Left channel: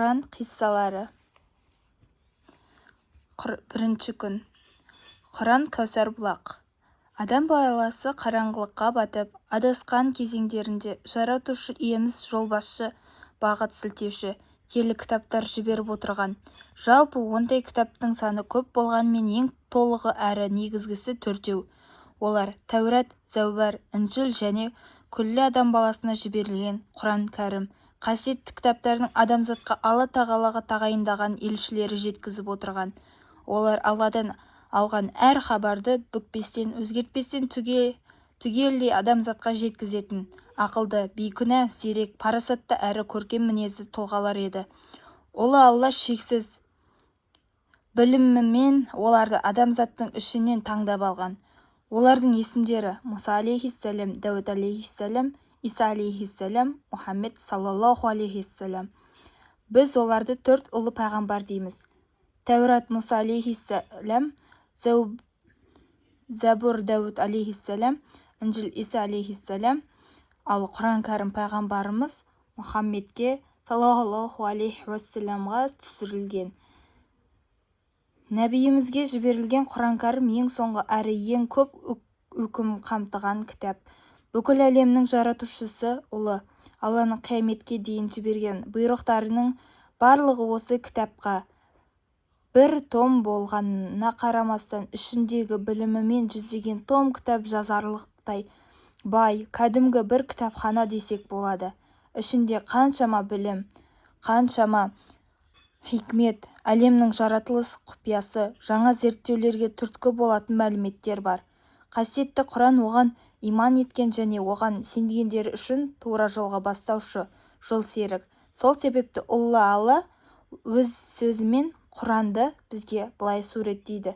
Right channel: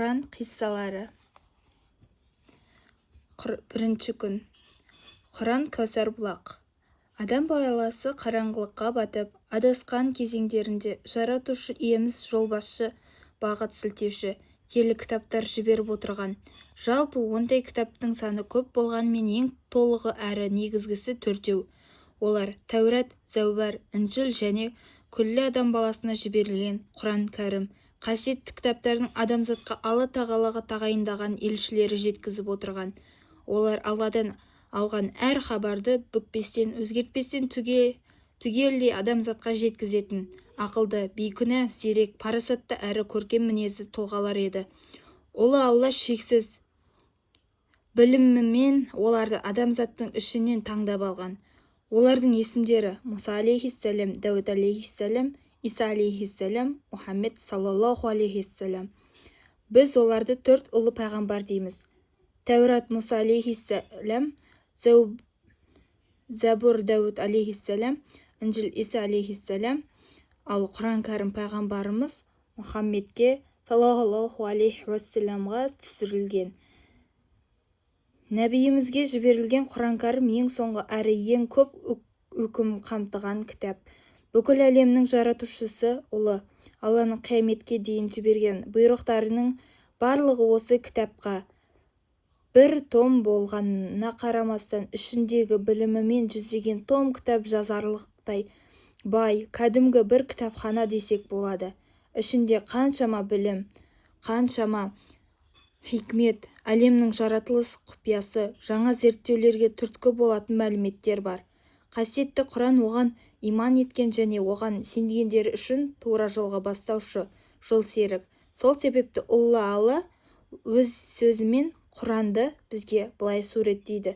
Құран қиссалары. Бірінші күн. Құран Кәусар бұлақ. Адам баласы қараңғылыққа батып, адасқан кезеңдерінде жаратушы иеміз жолбасшы, бағыт сілтеуші, киелі кітаптар жіберіп отырған. Жалпы ондай кітаптың саны көп болғанмен ең толығы әрі негізгісі төртеу. Олар Тәурат, Зәубар, Інжіл және күллі адам баласына жіберілген Құран кәрім. Қасиетті кітаптардың адамзатқа Алла тағалаға тағайындаған елшілері жеткізіп отырған. Олар Алладан алған әр хабарды бүкпестен, өзгертпестен түгелдей адамзатқа жеткізетін ақылды, бейкүнә, зерек, парасатты әрі көркем мінезді тұлғалар еді. Ұлы Алла шексіз білімімен оларды адамзаттың ішінен таңдап алған. Олардың есімдері Мұса алейхиссалам, Дәуд алейхиссалам, Иса алейхиссалам, Мұхаммед саллаллаху алейхиссалам. Біз оларды төрт ұлы пайғамбар дейміз. Тәурат Мұса алейхиссалам, Забур Дәуд алейхиссалам, Інжіл Иса алейхиссалам, ал Құран кәрім пайғамбарымыз Мұхаммедке саллаллаху алейхи уассаламға түсірілген. Нәбиімізге жіберілген Құран кәрім ең соңғы әрі ең көп үкім қамтыған кітап. Бүкіл әлемнің жаратушысы ұлы Алланың қияметке дейін жіберген бұйрықтарының барлығы осы кітапқа бір том болғанына қарамастан, ішіндегі білімімен жүздеген том кітап жазарлықтай бай, кәдімгі бір кітапхана десек болады. Ішінде қаншама білім, қаншама хикмет, әлемнің жаратылыс құпиясы, жаңа зерттеулерге түрткі болатын мәліметтер бар. Қасиетті Құран оған иман еткен және оған сенгендер үшін тура жолға бастаушы, жол серік. Сол себепті Алла өз сөзімен Құранды бізге былай суреттейді.